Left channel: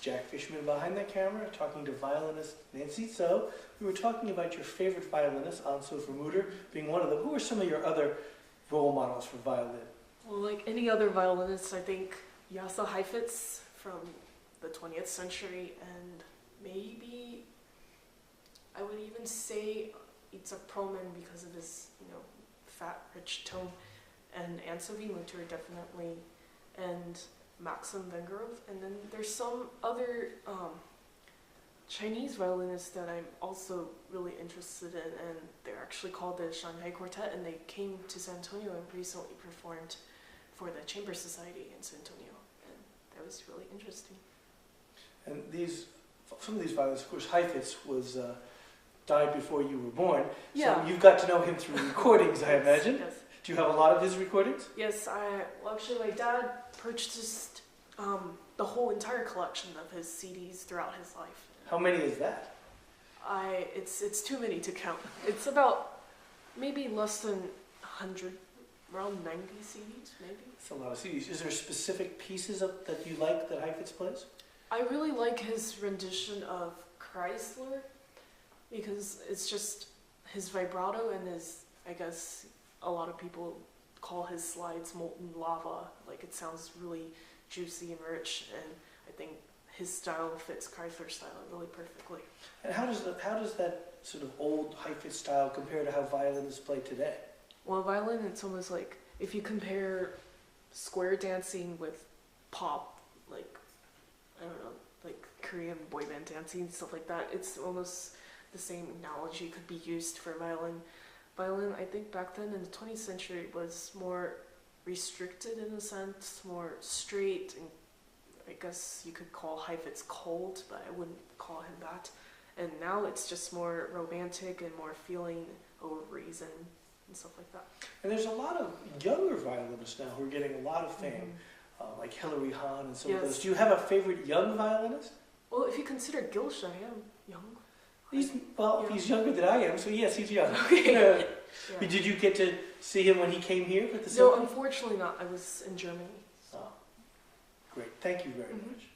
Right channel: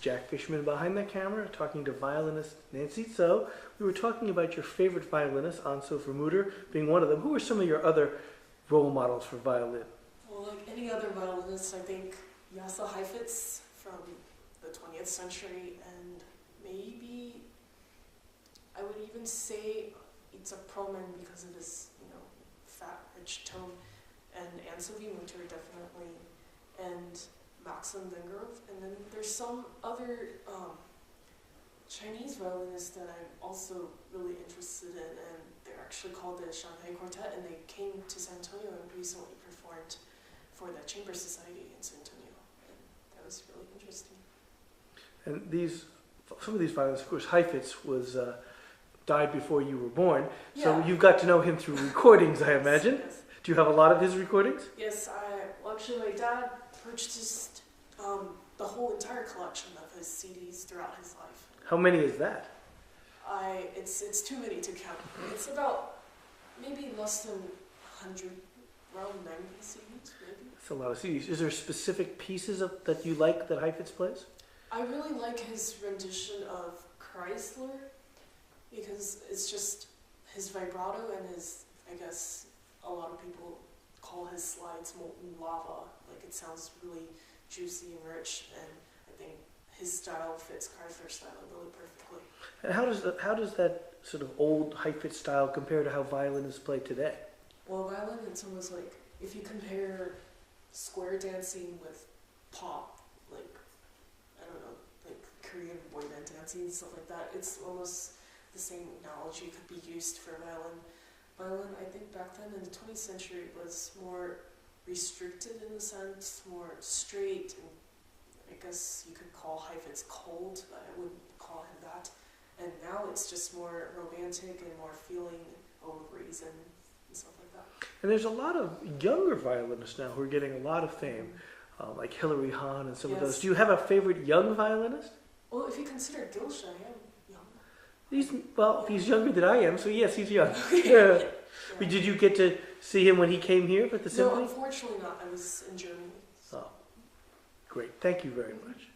Jack Fishman behind the camera, talking to violinist Nancy Zhou. We were talking about your favorite violinists, Anso Vermuter being one of them. Who are some of your other role models for violin? Well, like any other violinist, I think Yasa Heifetz from the 20th century, and maybe I would even say Itzhak Perlman because of his, fat, rich tone, and Anne-Sophie Mutter definitely, and Maxim Vengerov, and then there's some other Chinese violinists that I'm also really interested in, and they're actually called the Shanghai Quartet, and they came to San Antonio and recently performed for the Chamber Society in San Antonio, and that was really interesting. And some of these violinists, of course, Heifetz was died before you were born, so you've got to know him through recordings, I imagine. Yes. Do you have a lot of his recordings? Yes, actually my dad purchased the whole entire collection of his CDs throughout his life. How many is that? It's too many to count. It's about maybe less than 100, around 90 CDs, maybe. That's a lot of CDs. Is there specific pieces that you like that Heifetz plays? I really like his rendition of Chrysler because it's just his vibrato and his, I guess a lot of people call his slides molten lava. Like it sounds really juicy and rich, and I think his style fits Chrysler style really perfectly. And how does that sort of old Heifetz style compare to how violinists play today? Well, violin, it's almost like if you compare square dancing with pop, like, I don't know, like Korean boy band dancing and stuff like that, it's almost the same analogy could be used for violin. Violin, I think back then in the 20th century was more restricted in a sense, more straight, and I guess you could call Heifetz cold, but I wouldn't call him that. And now it's just more romantic and more feeling over reason and stuff like that. And there's a lot of younger violinists now who are getting a lot of fame, like Hilary Hahn and some of those. Do you have a favorite young violinist? Well, if you consider Gilsha, I am young. He's younger than I am, so yes, he's young. Okay. Yeah. Did you get to see him when he came here at the symphony? No, unfortunately not. I was in Germany. Oh, great. Thank you very much.